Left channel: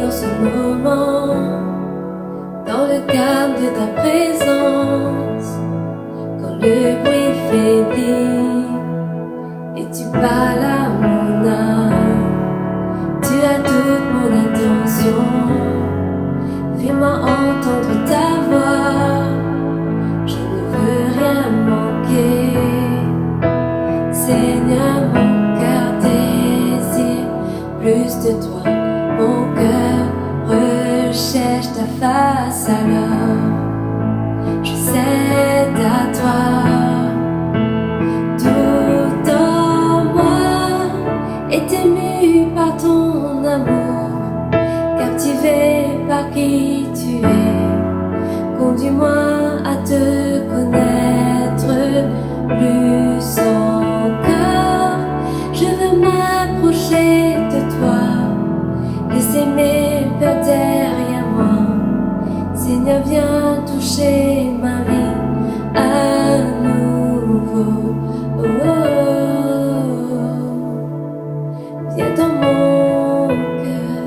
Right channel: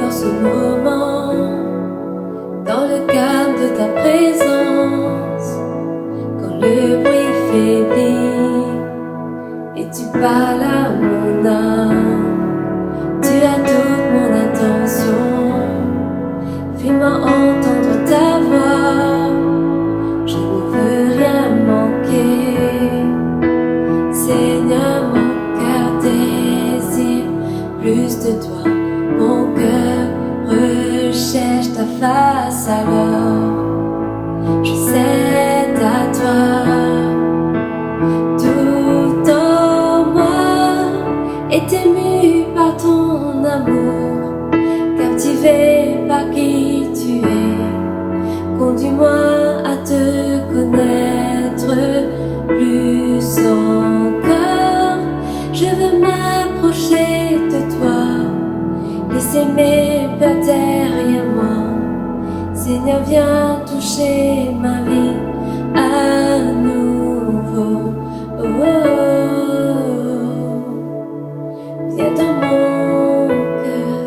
dans ce moment, dans le calme de ta présence, quand le bruit faiblit et tu parles à mon âme, tu as toute mon attention. Fais-moi entendre ta voix, je ne veux rien manquer. Seigneur, mon cœur désire plus de toi, mon cœur recherche ta face, alors je cède à toi. Tout en moi est ému par ton amour, captivé par qui tu es. Conduis-moi à te connaître plus encore. Je veux m'approcher de toi, laisser mes peurs derrière moi. Seigneur, viens toucher ma vie à nouveau. Oh, oh, oh. Viens dans mon cœur,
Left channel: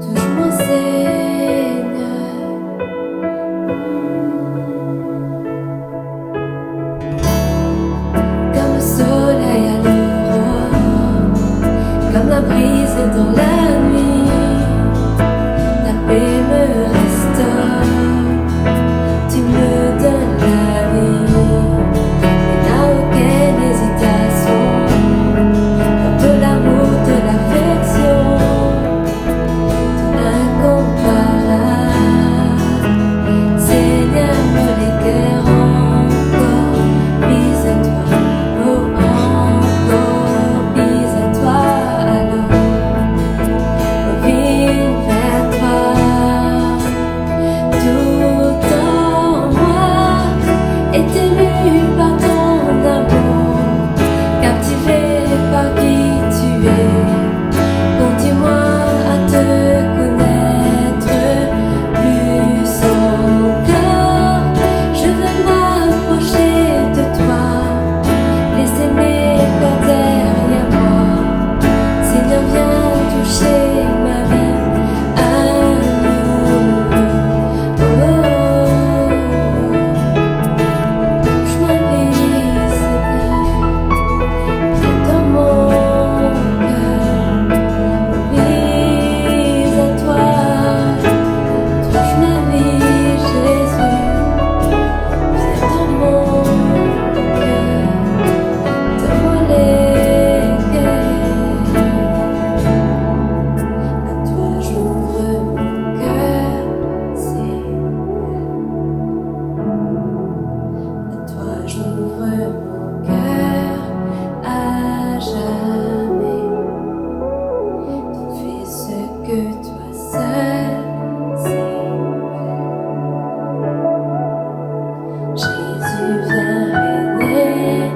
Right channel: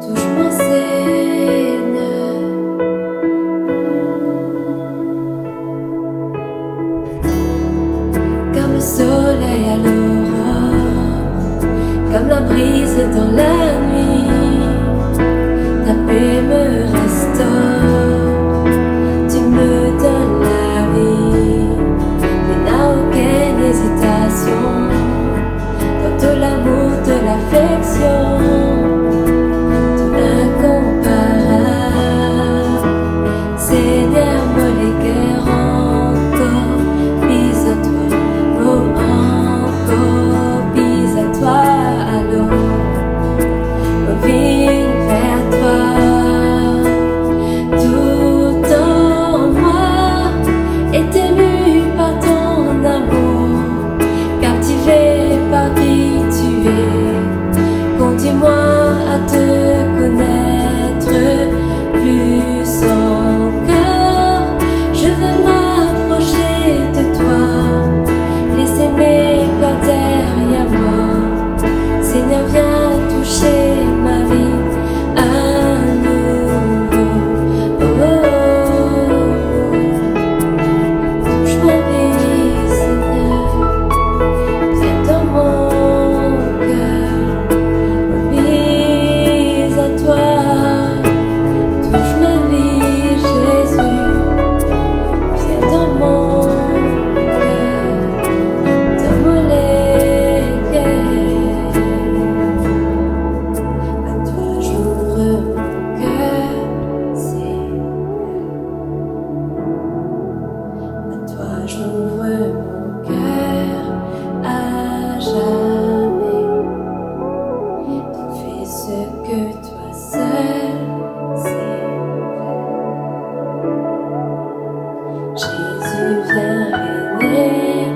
touche-moi, Seigneur. Comme le soleil à l'aurore, comme la brise dans la nuit, ta paix me restaure, tu me donnes la vie. Il n'a aucune hésitation, dans de l'amour, de l'affection, tout incomparable. Seigneur, me l'éclaire encore, bis à toi, oh encore, bis à toi, alors, oh Vinn vers toi. Tout en moi est ému par ton amour, captivé par qui tu es. Conduis-moi à te connaître plus encore. Je veux m'approcher de toi, laisser mes peurs derrière moi. Seigneur, viens toucher ma vie à nouveau. Oh, oh, oh. Touche ma vie, Seigneur. Viens dans mon cœur. Bis à toi. Touche ma vie, Jésus. Viens dans mon cœur. Donne-moi les cœurs. À toi j'ouvre mon cœur, Seigneur. À toi j'ouvre mon cœur à jamais. Tu fais ce que toi seul sais faire. Jésus, viens régner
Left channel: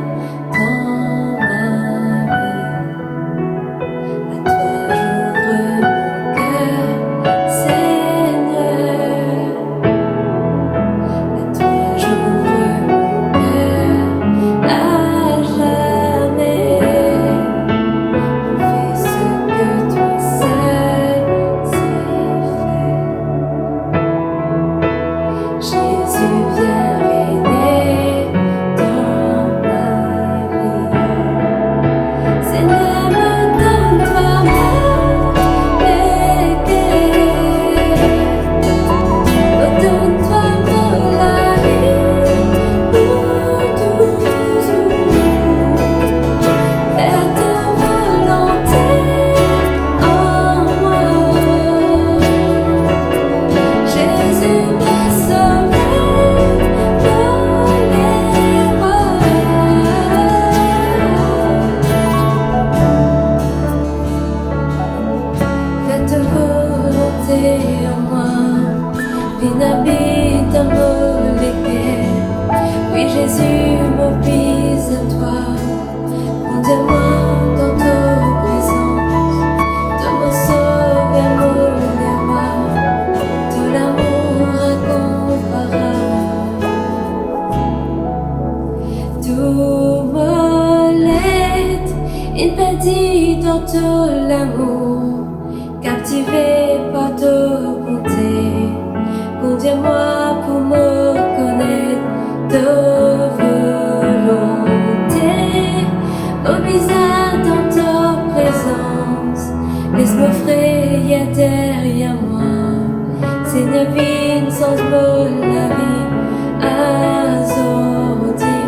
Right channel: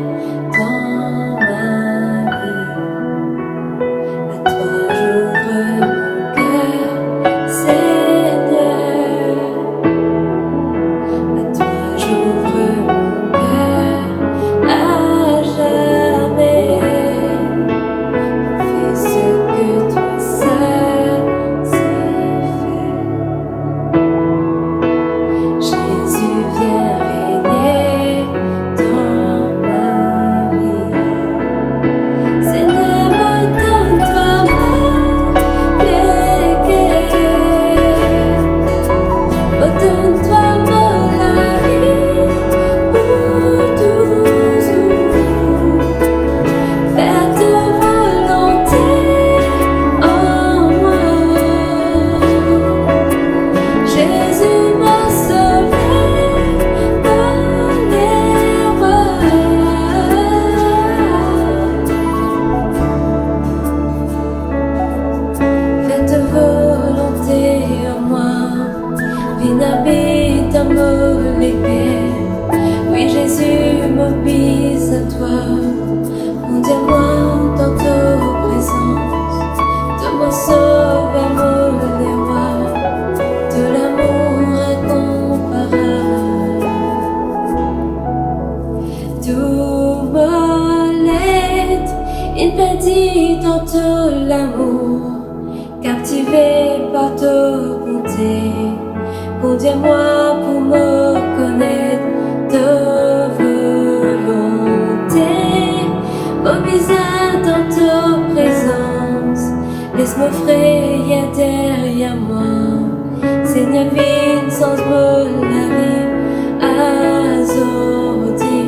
dans ma vie. À toi j'ouvre mon cœur, Seigneur. À toi j'ouvre mon cœur à jamais. Fais ce que toi seul sais faire. Jésus, viens régner dans ma vie. Seigneur, me donne-toi mon cœur. Oh, donne-toi mon lavi pour toujours. Faire ta volonté en moi. Jésus m'a sauvé dans l'erreur. Fais ta volonté en moi. Vinn habite dans mon cœur. Oui, Jésus, m'oblige à toi. Conduis-moi dans ta présence. De mon sauveur, mon roi, de l'amour incomparable. Tout me l'aide, il perdit dans tout l'amour, captivé par ta bonté. Conduis-moi pour me connaître ta volonté. Mobilisé dans ta présence, laisse-moi frayer derrière moi. Seigneur, Vinn, sanz la vie, azordi.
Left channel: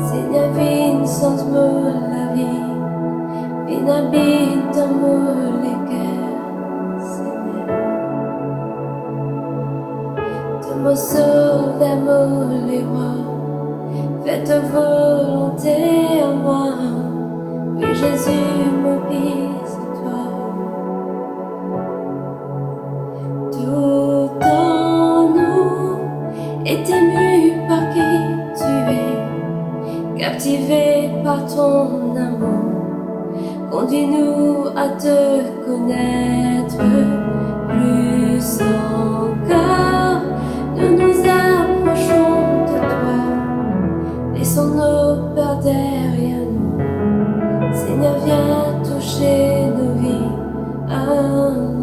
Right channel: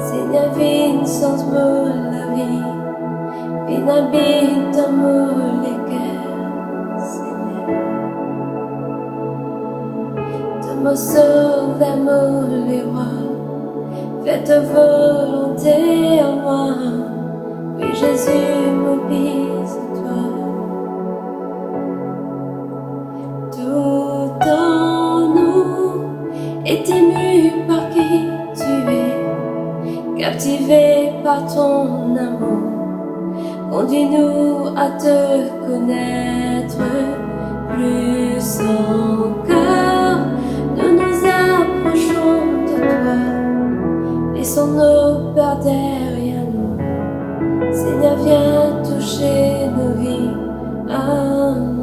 Seigneur, Vinn, sanz la vie, Vinn habite dans mon cœur. Seigneur, de me sauver, mon les rois, fais ta volonté en moi. Oui, Jésus, m'obéis à toi. Tout en nous est ému par qui tu es, captivé par ton amour. Conduis-nous à te connaître plus encore. Nous nous approchons de toi, laissons nos peurs derrière nous. Seigneur, viens toucher nos vies. Amen.